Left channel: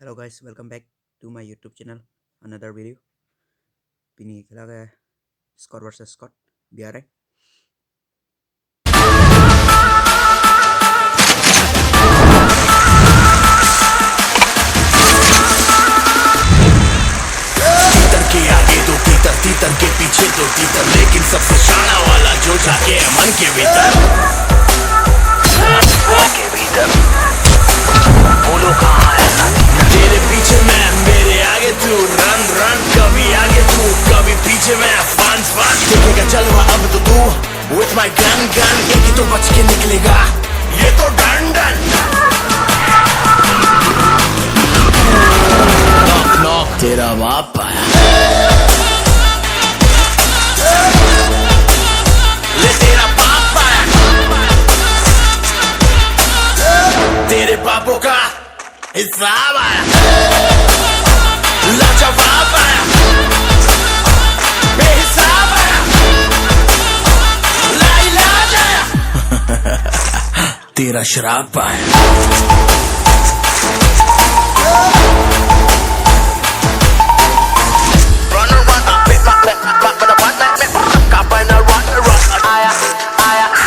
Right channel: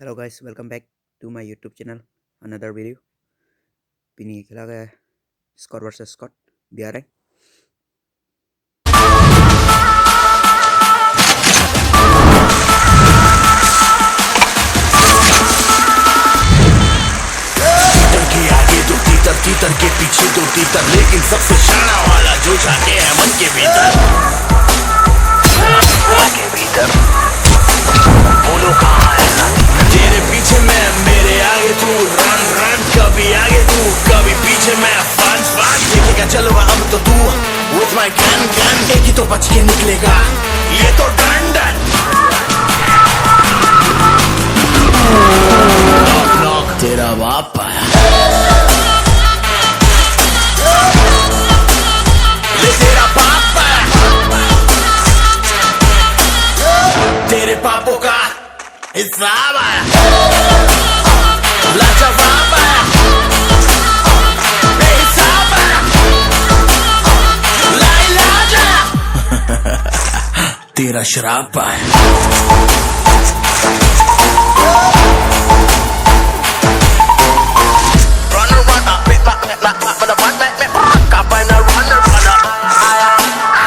Hello guys, welcome back to my YouTube channel. Another video. Pini खेला गया है Scott versus Scott BRI. के पीछे तो तीतर लेकिन सबसे शाना वाला जो जाके मन के भीतर बोलो कहाँ है तेरे पीछे मैं मेरे आगे तू रन रन कभी आगे तू कभी पीछे मैं पंच पंच खेलेगा चलो अब तो तू with my gun gun एक ही तो बच के निकलेगा ये तो डन डन तेरा बाप आया पापों का हिसाब आया लाजवाब आया बेहिसाब आया लाइलाज आया तेरा शराब आया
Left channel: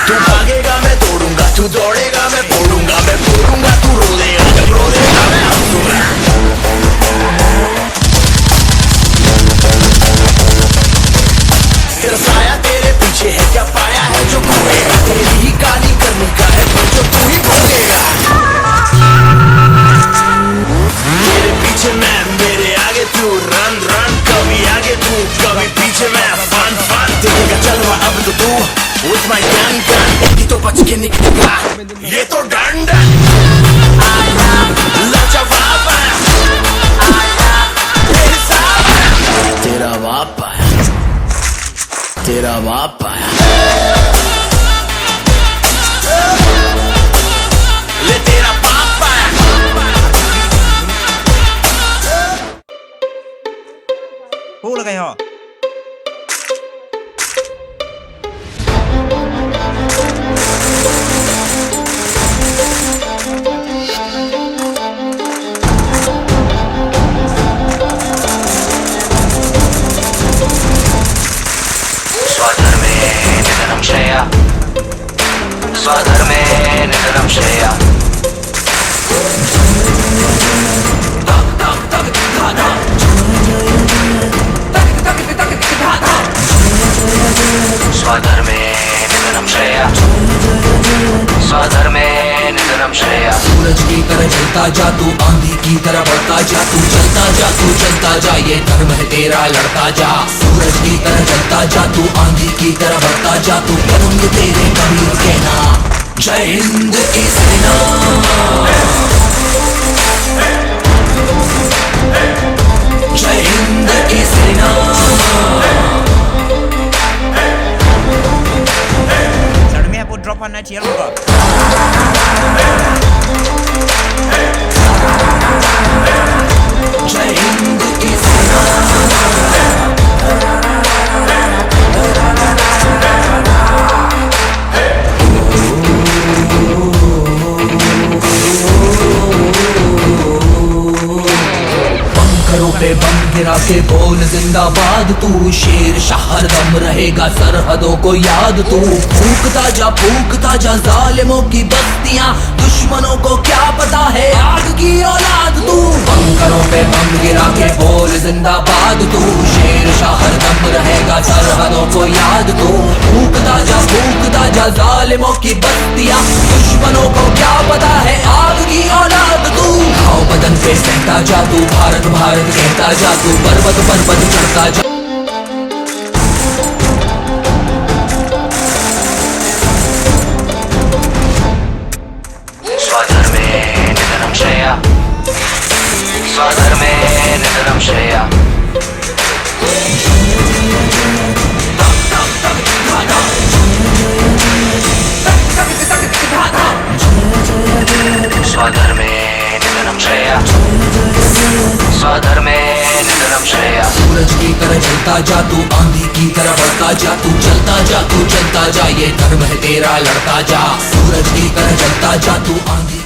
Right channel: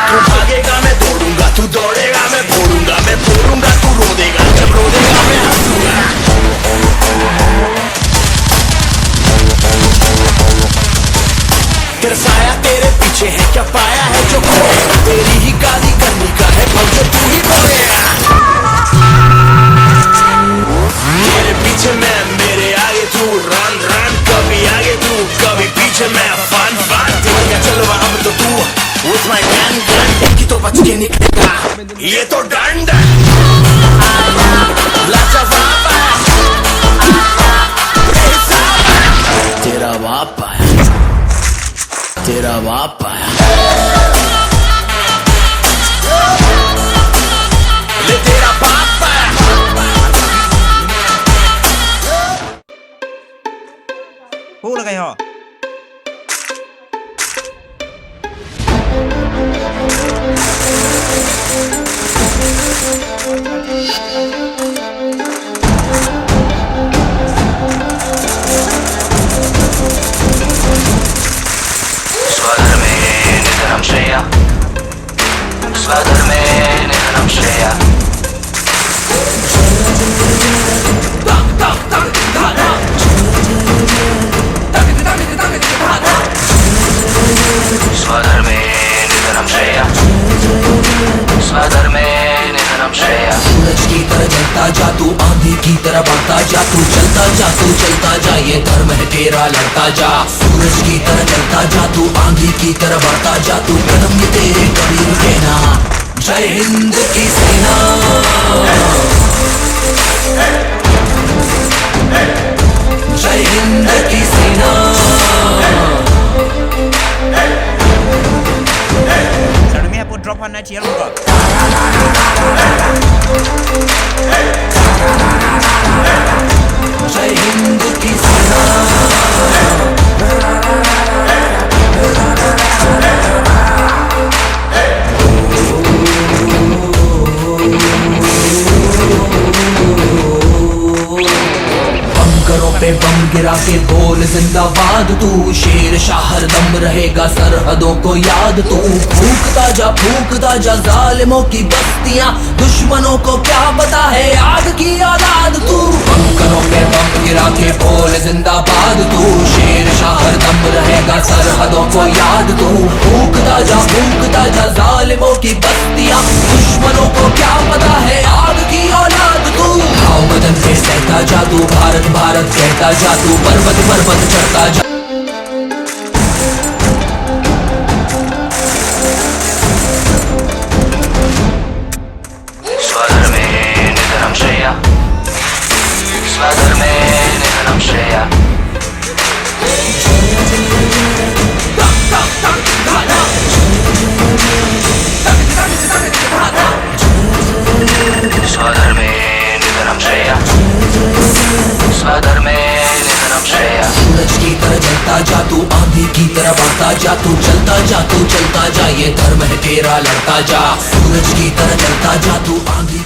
तू भागेगा मैं दौड़ूंगा तू दौड़ेगा मैं फोड़ूंगा मैं फोड़ूंगा तू रोनेगा मैं रोनेगा मैं हंसूंगा तेरा साया तेरे पीछे है क्या पाया है जो तेरी ही गाली करनी का है जो तू ही बोलेगा मेरे पीछे मैं मेरे आगे तू रन रन कभी आगे तू कभी पीछे मैं फन फन तेरे चलो अब तो तू with my gun gun की तो बच के निकलेगा ये तो डन डन आया लाजवाब आया तेरा बाप आया तेरा बाप आया ले तेरा बाप आया Hú là cái họ. सूरज की तरह चलता जा तू आंधी की तरह बढ़ता जा तू चलता जा ये धर्म है तेरा लड़ता जा सूरज की तरह चलता जा तू आंधी की तरह बढ़ता जा तू रंग तेरे करीब सेना जय हिंद की सेना जय हिंद की सेना Sao mẹ put drop on chiếc luôn के बोल जिंदाबाद तू शेर शाह दम रहेगा सरहदों को याद तू फूकता जा जालिमों की बस्तियां दुश्मनों को क्या पता है आग की औलाद तू बंकरों पे बम गिरा के बोल जिंदाबाद तू शेर शाह दम रहेगा सरहदों को याद तू फूकता जा जालिमों की बस्तियां दुश्मनों को क्या पता है आग की औलाद तू घाव बदन पे सहता जा तू भारत भारत कहता जा तू पर्वत करता जा चलता जा ये धर्म है तेरा लड़ता जा सूरज की तरह चलता जा तू आंधी